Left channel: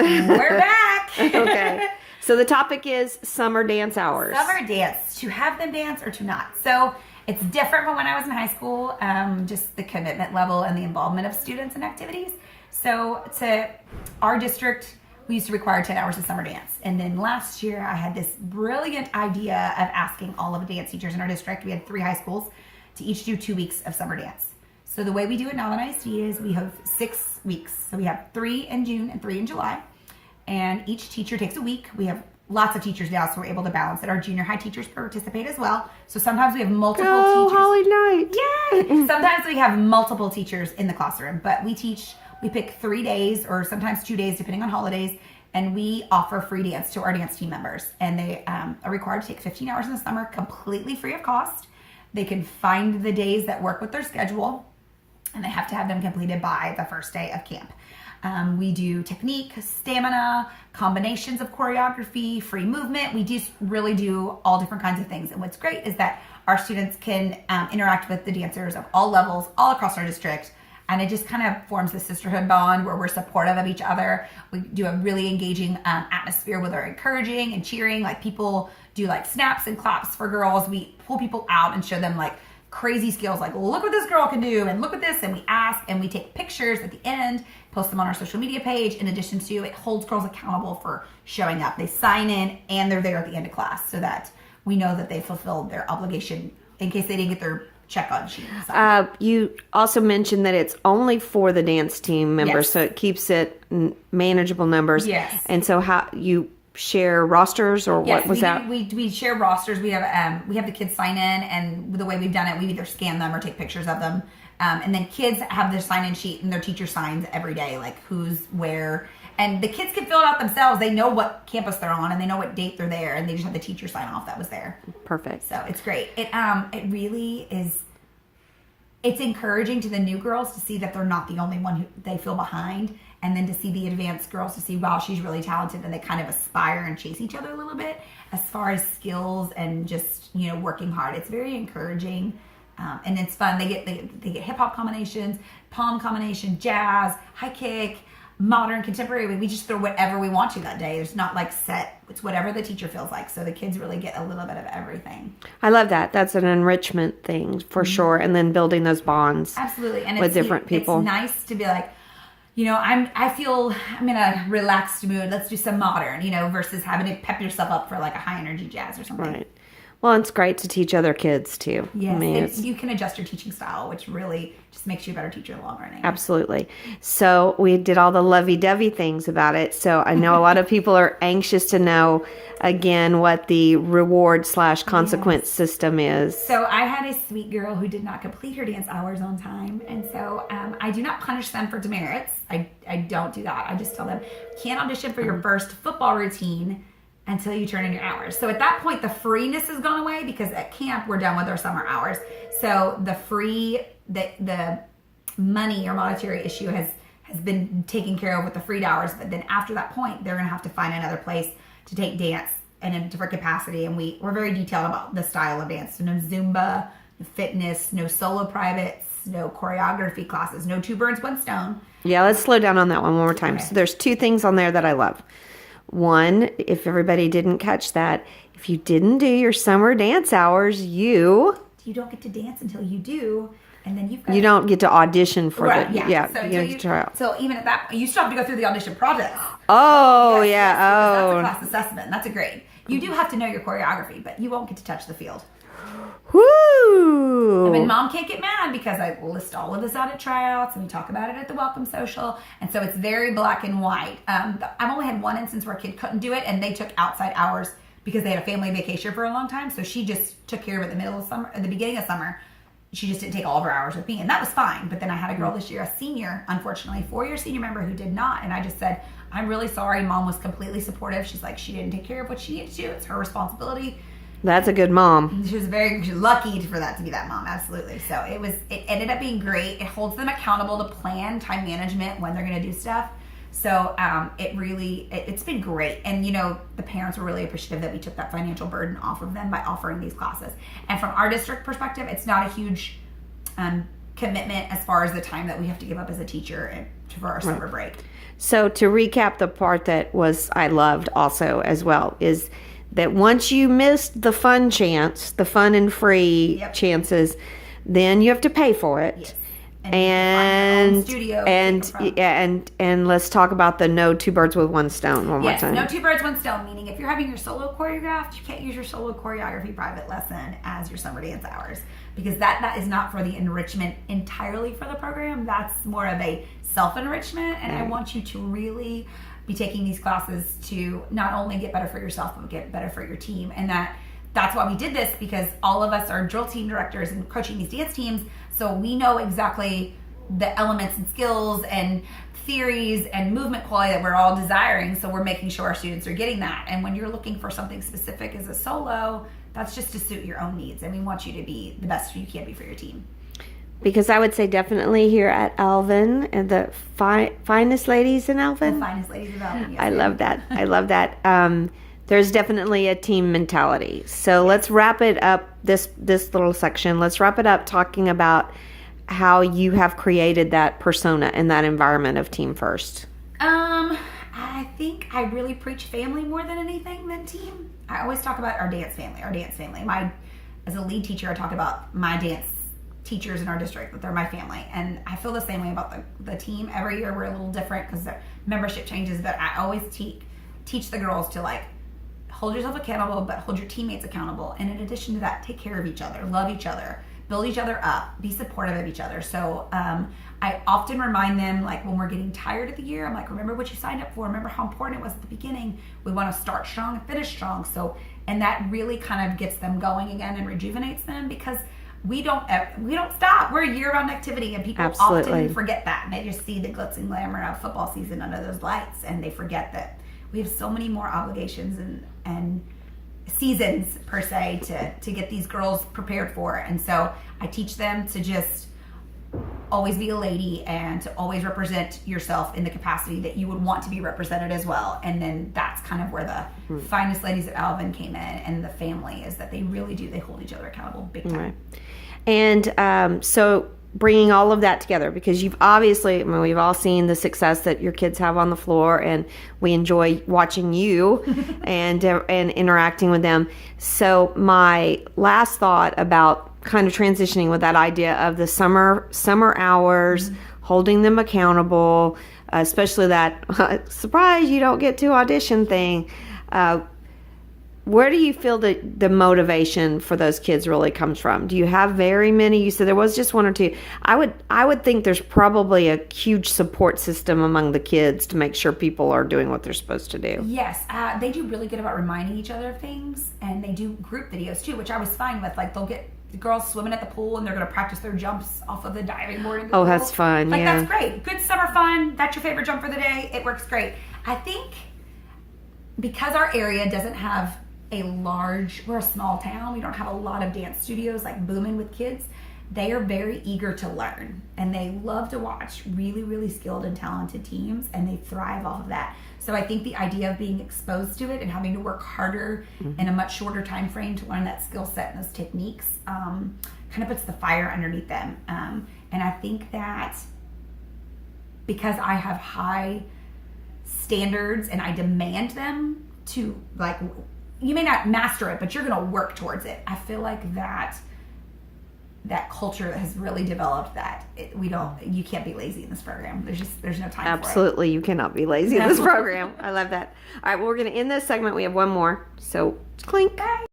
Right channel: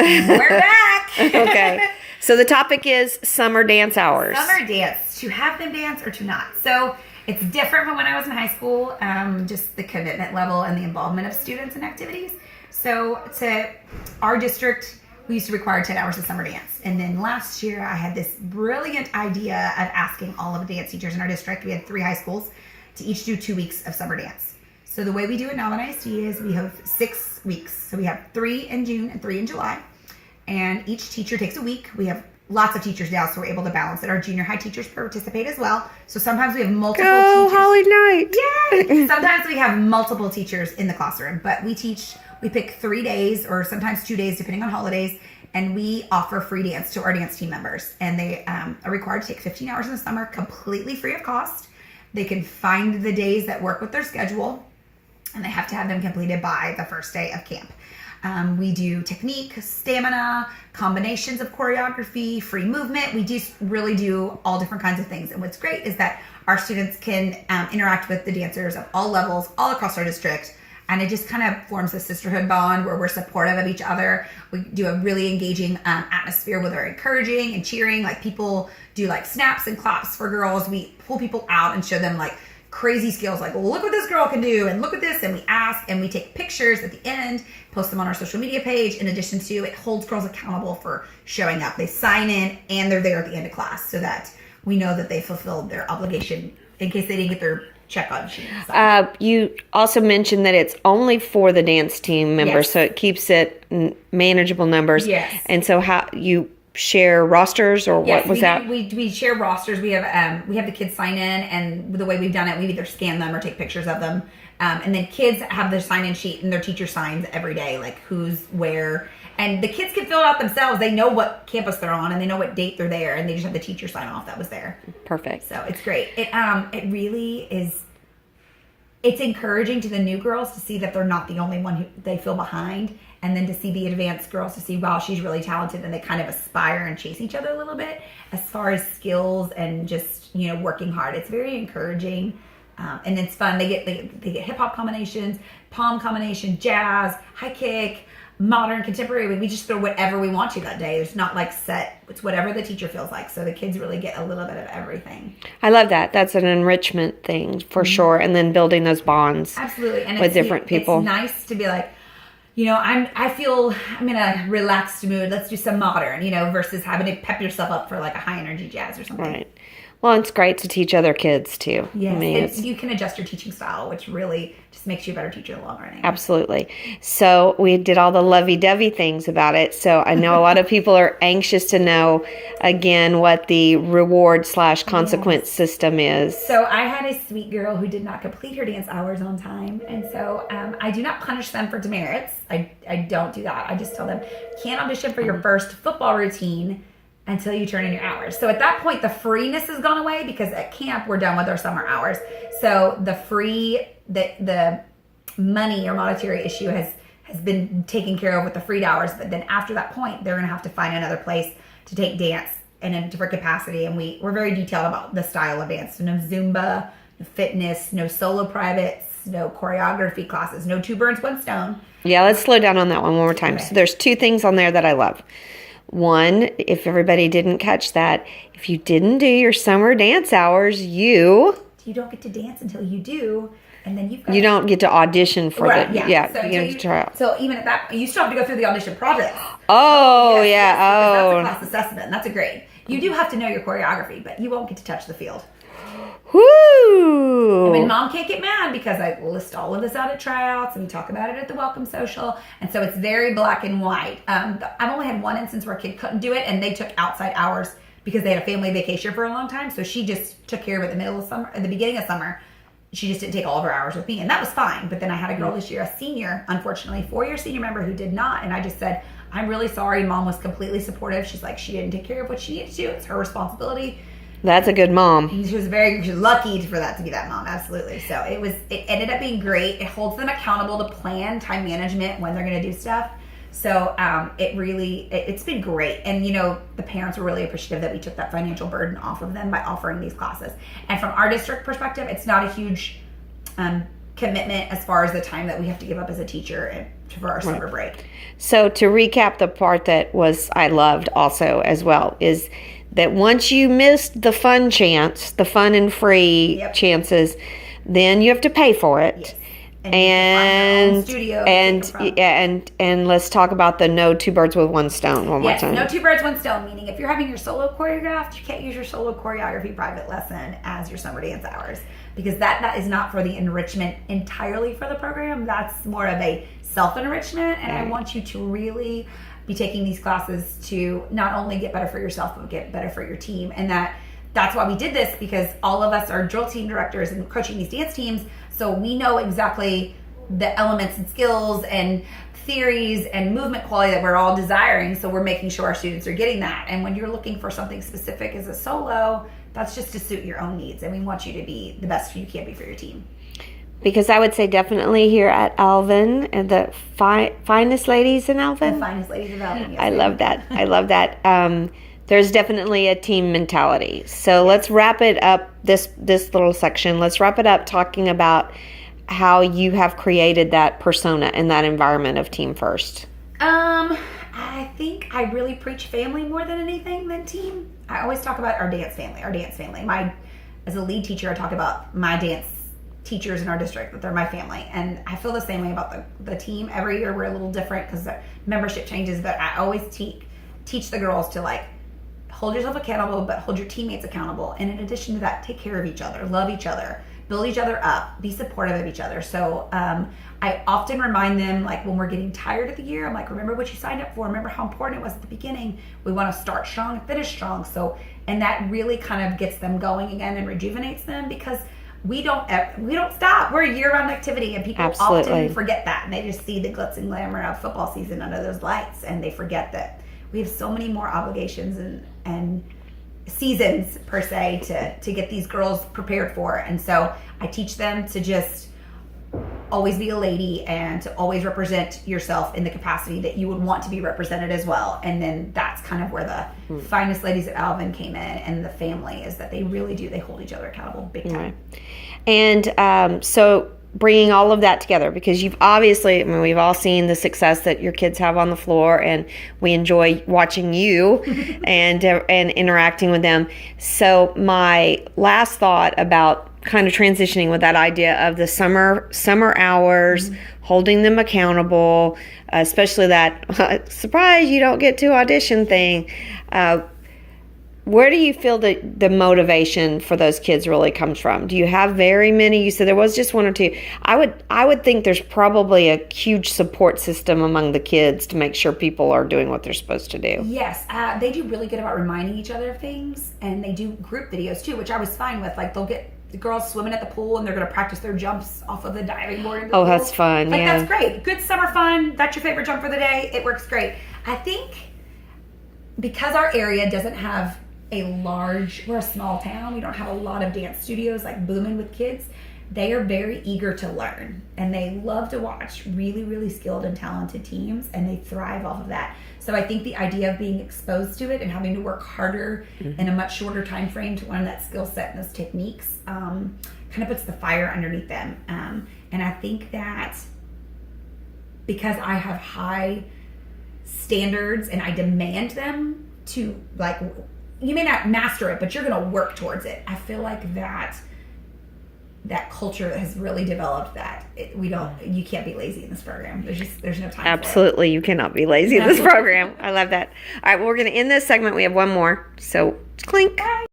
We're back. Okay. So the topic is summer dance hours. Summer dance, to have them dance or to not. So it's different from when I was in high school, just the commitment level and the involvement of students in activities. So to our district, we used to require 10 hours of summer dance. And then last year I had this brilliant idea of asking all of the dance teachers in our district, we had 3 high schools, to each do 2 weeks of summer dance. So the way we do it now at ISD is we have 6 weeks. So we have 3 in June and 3 in July. And each teacher takes a week. We have lots of teachers now, so we're able to balance it. Our junior high teachers participate as well. So sometimes we have multiple teachers. Holly Knight. Yay! Sometimes we have multiple teachers in the classroom, but we pick 3 days or sometimes 2 days depending on holidays, and we offer free dance to our dance team members. And they are required to take 15 hours in the summer completely free of cost. They can find the days that work with their schedule, and they have to have them completed by the first day of camp. We do technique, stamina, combinations of choreography, free movement. We just really do all different kinds of things. And what's great is that our students can interact with the dancers of all levels, all across our district. And it just kind of forms a sisterhood bond where we're supportive of each other. We do a really engaging atmosphere where they're encouraging and cheering. Like people do like snaps and claps for girls. We pull people out and show them like crazy skills, like, well, look what this girl can do, and look at this, and we ask, and we take pictures at the end, post them on our social media page. In addition to, it holds girls accountable for showing up. They sign in, and they're there at the end of class, so that we know that they fulfilled their obligation in case they didn't get their check on sheet. You also mentioned that it's only for the dance team members, Yes. so it keeps it manageable numbers. Yes. And so how you share rosters, or Yes, what was that? We share rosters. We have the kids sign in, and the way we've done it, we either scan them or take pictures of them, and then kids have their sign-in sheet, and their teacher signs every day, like who's where, and the kids can fill it out themselves. They know what campus they're on, and they know what date they're there, and they just have the teacher sign off that was there. Perfect. So it's great. It really is. It's encouraging to the new girls to see that they're not the only one who they feel behind, and then to see the advanced girls to see, wow, she's really talented, and they kind of aspire and chase each other a little bit as far as skills and just, working hard. It's very encouraging, and it's fun. They get hip hop combinations, palm combination, jazz, high kick, modern, contemporary. We just throw whatever we want to that day. There's not like set. It's whatever the teacher feels like. So the kids really get a little bit of everything. I love that. That's an enrichment thing for sure. And then building those bonds. Absolutely. And with different people. It's nice to be like, I feel I'm in a relaxed mood. Let's do some modern, versus having to pep yourself up for like a high energy jazz or something. Right. Well, it's great to teach other kids too. Yes, you can adjust your teaching style, which really just makes you a better teacher in the long run. Absolutely. So we did all the lovey-dovey things about it. So I know a lot of people are anxious to know, again, what the reward/consequence system is. So I had a sweet girl who did not complete her dance hours on time. And so I do not punish them for demerits. I don't do that. I just tell them, you can't audition for your first football routine until you turn in your hours. So at that point, the freeness has gone away because at camp, we're done with our summer hours. So the money or monetary issue has been taken care of with the freed hours. But then after that point, they're going to have to find another place to take dance in a different capacity. And we're very detailed about the style of dance. So no Zumba, no fitness, no solo privates, no choreography classes, no 2 birds, 1 stone. Yeah, let's slow down on that one more time. Okay. So there's 2 things on there that I love. One, if everybody didn't catch that, if you didn't do your summer dance hours, you don't get to dance until you do, and then you don't get to audition for right, the So you don't get to try out. So even at that, you still have to go through the audition process. Oh Yes, yeah, that's a class assessment. That's a grade. You do have to know your choreography, but you won't get to touch the field. Whoo! And mom can't get mad because I list all of this out at tryouts and we talk about it at the welcome social. And so it's very black and white. I've only had one instance where a kid couldn't do it and they took outside hours because they had a family vacation for a long time. So she just took care of it in the middle of summer, at the beginning of summer. She just didn't take all of her hours with me, and that was fine. But then I had a girl this year, a senior, unfortunately, 4-year senior member who did not. And I just said, I'm really sorry. Mom was completely supportive. She's like, she didn't take care of what she needed to do. It's her responsibility. That's a good mom. She was lucky for that to be that mom, absolutely. So it ended up being great. It holds them accountable to plan time management when they're going to do stuff. So it's been great. And, the parents were really appreciative that we took that financial burden off of them by offering these classes. And from our district perspective, it's not a huge commitment as far as the time that we have to give up as a teacher and for our summer break. So to recap, the part that I loved also as well is that once you missed the fun and free chances, then you have to pay for it. Yes. And studio and let's talk about the no two birds with one stone one more time. No two birds, one stone, meaning if you're having your solo choreographed, you can't use your solo choreography private lesson as your summer dance hours, because that is not for the enrichment entirely for the program. That's more of a self-enrichment, and I want you to really be taking these classes to not only get better for yourself, but get better for your team. And that's why we did this, because all of us are drill team directors and coaching these dance teams. So we know exactly the elements and skills and theories and movement quality that we're all desiring. So we're making sure our students are getting that. And when you're looking for something specific as a solo, that's just to suit your own needs. And we want you to be the best you can be for your team. Because I would say definitely here at Alvin, and the finest ladies in Alvin. The finest ladies in Alvin. Yes, I love that. I love that. There's definitely a team mentality. So let's wrap it up, this little section. Let's wrap it up talking about how you have created that persona and that environment of Team First. I think I really preach family more than anything than team. I always talk about our dance family. As a lead teacher, I talk about my dance teachers in our district, that they're my family. And I feel the same way about the team. Every year we're a little different because the membership changes, but I always teach the girls to hold yourself accountable, but hold your teammates accountable. And in addition to that, take care of each other, love each other, build each other up, be supportive of each other. So I often remind them, when we're getting tired of the year, I'm like, remember what you signed up for. Remember how important it was at the beginning. We want to start strong and finish strong. So, and that really kind of gets them going again and rejuvenates them, because we don't stop. We're a year-round activity, and people often forget that, and they just see the glitz and glamour of football season under those lights, and they forget that we have so many more obligations and seasons per se to get these girls prepared for. And so I teach them to just always be a lady and to always represent yourself in the capacity that you would want to be represented as well. And then that's kind of where the finest ladies at Alvin came in, and the family is that they really do. They hold each other accountable big time. Right. And so bringing all of that together, because you've obviously, we've all seen the success that your kids have on the floor, and we enjoy watching you and interacting with them. So my last thought about kind of transitioning with that idea of the summer hours, holding them accountable, especially that surprise you don't get to audition thing. Where do you feel the motivation for those kids really comes from? Do you have very many? You said there was just one or two. I would think there's probably a huge support system among the kids to make sure people are doing what they're supposed to do. Yes, they do really good about reminding each other of things, and they do group videos too, which I was fine with. They'll get the girls swimming at the pool, and they're going to practice their jumps off of the diving board in the pool. That's fun. Yeah, that's great. Good summer fun. That's your favorite jump for the day. It works great. I think because our area doesn't have we're a small town, we don't have a lot of dance studios booming with kids. They are very eager to learn, and they love to watch really, really skilled and talented teams, and they thrive off of that. So I think the idea of being exposed to it and having to work harder in a much shorter time frame to learn that skill set and those techniques kind of puts the fire underneath them. And I think that because I have high standards and I demand them to, you may not master it, but you're going to work towards it. I feel like that culture has really developed that you can't be lazy in this program. There's no time. Absolutely, you cannot be lazy in this program. I love that. All right, well, we're going to end this segment. We have one more. So clink. Bye.